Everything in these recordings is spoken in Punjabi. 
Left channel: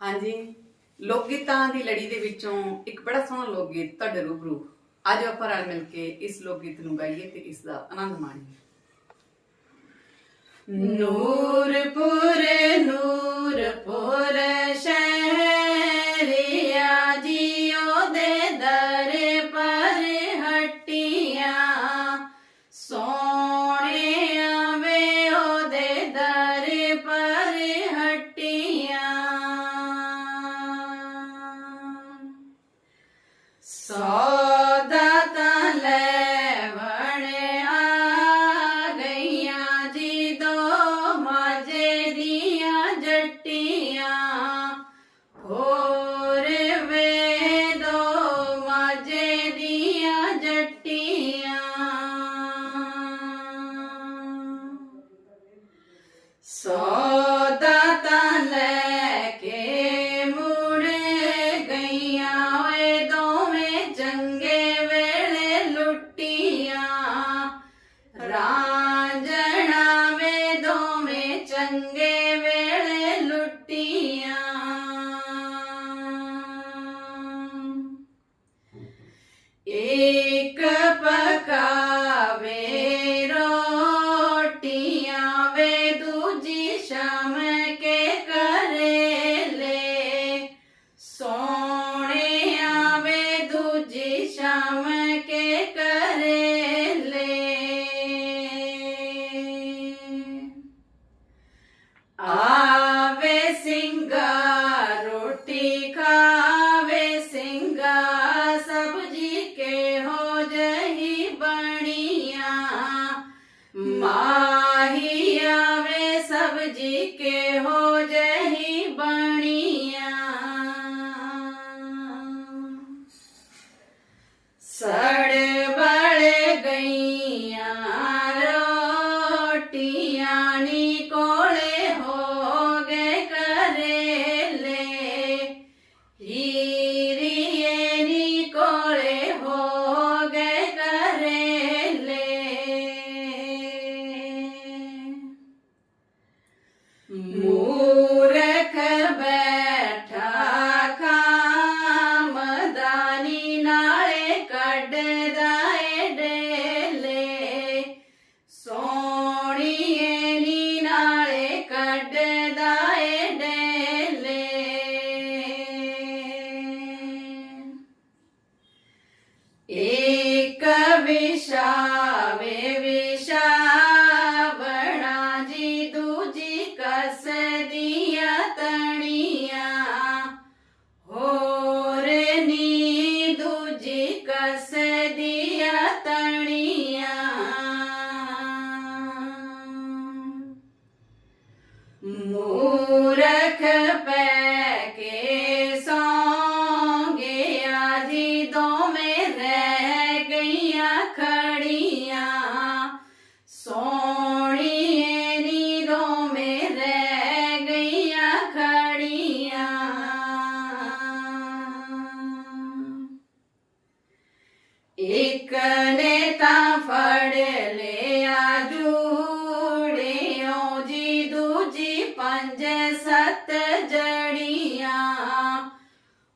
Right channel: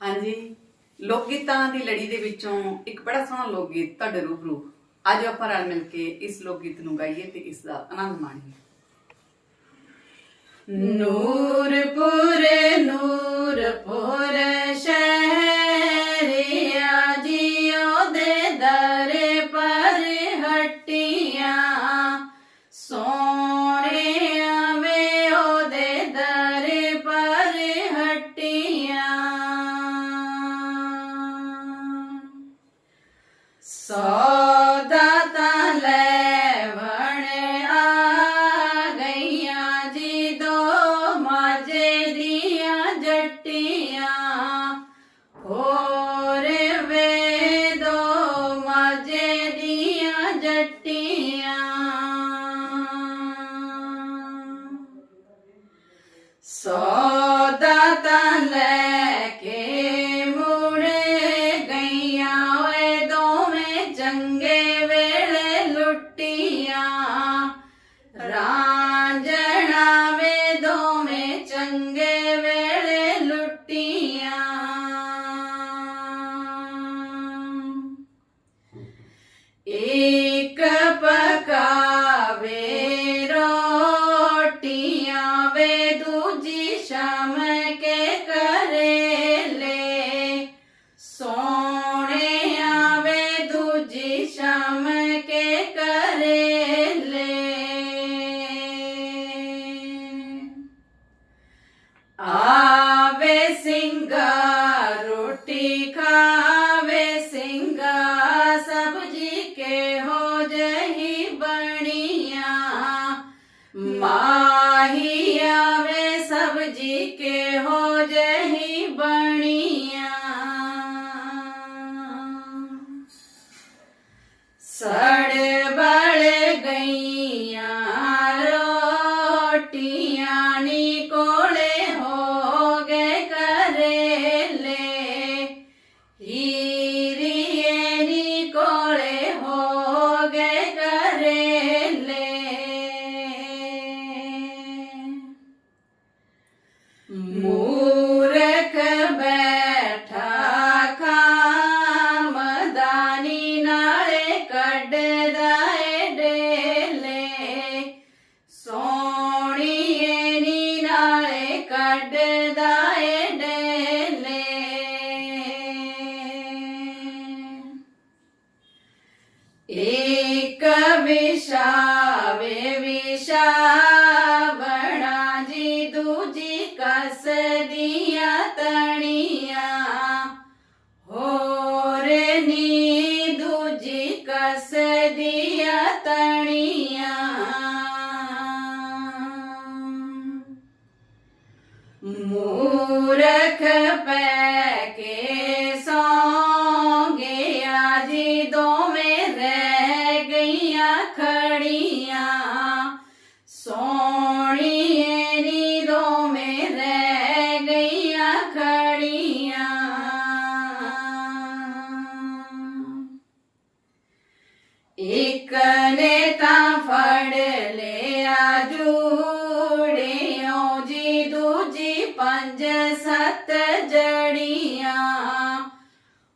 ਹਾਂਜੀ। ਲੋਕ ਗੀਤਾਂ ਦੀ ਲੜੀ ਦੇ ਵਿੱਚੋਂ ਇੱਕ ਬੜਾ ਸੋਹਣਾ ਲੋਕ ਗੀਤ ਤੁਹਾਡੇ ਰੂਬਰੂ। ਅੱਜ ਆਪਾਂ ਰਲ ਮਿਲ ਕੇ ਇਸ ਲੋਕ ਗੀਤ ਨੂੰ ਗਾਈਏ ਤੇ ਇਸ ਦਾ ਆਨੰਦ ਮਾਣੀਏ। ਨੂਰਪੁਰ ਨੂਰਪੁਰ ਹੋਰ ਇੱਕ ਪਕਾਵੇ que ਕਸਦੀਆਂ ਤਣੀਆਂ ਹੋਰ ਨੀ ਦੂਜੀ ਕਸਦੀਆਂ ਤਣੀਆਂ। ਮੂਰਖ ਪੈ ਇੱਕ ਨੇ ਤਾਂ ਫੜ ਲਿਆ ਜੂੜਿਓ ਜੀ ਦੂਜੀ ਪੰਜ ਸੱਤ ਜੜੀਆਂ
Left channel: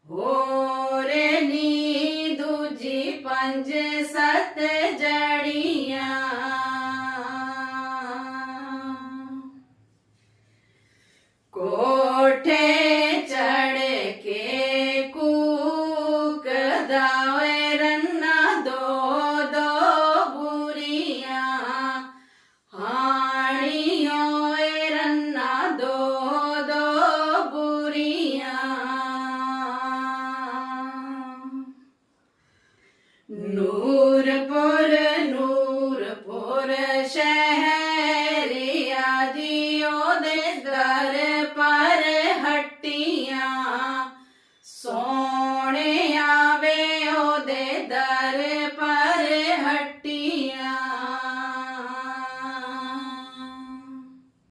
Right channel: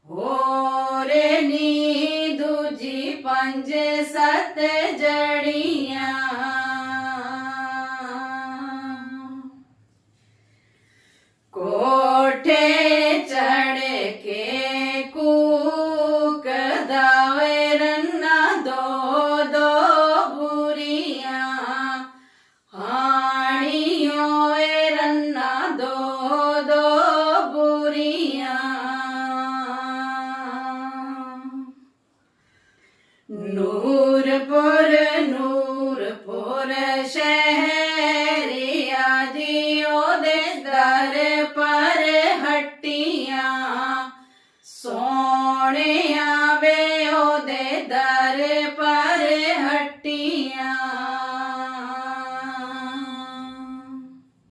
ਹੋਰ ਨੀ ਦੂਜੀ ਪੰਜ ਸੱਤ ਜੜੀਆਂ ਕੋਠੇ ਸ਼ਹਿਰਿਆ ਜੀ ਉਹਦੇ ਦਰ ਪਰ ਹੱਟੀਆਂ। ਸੋਹਣਿਆ ਵੇ ਉਹਦੇ ਦਰ ਪਰ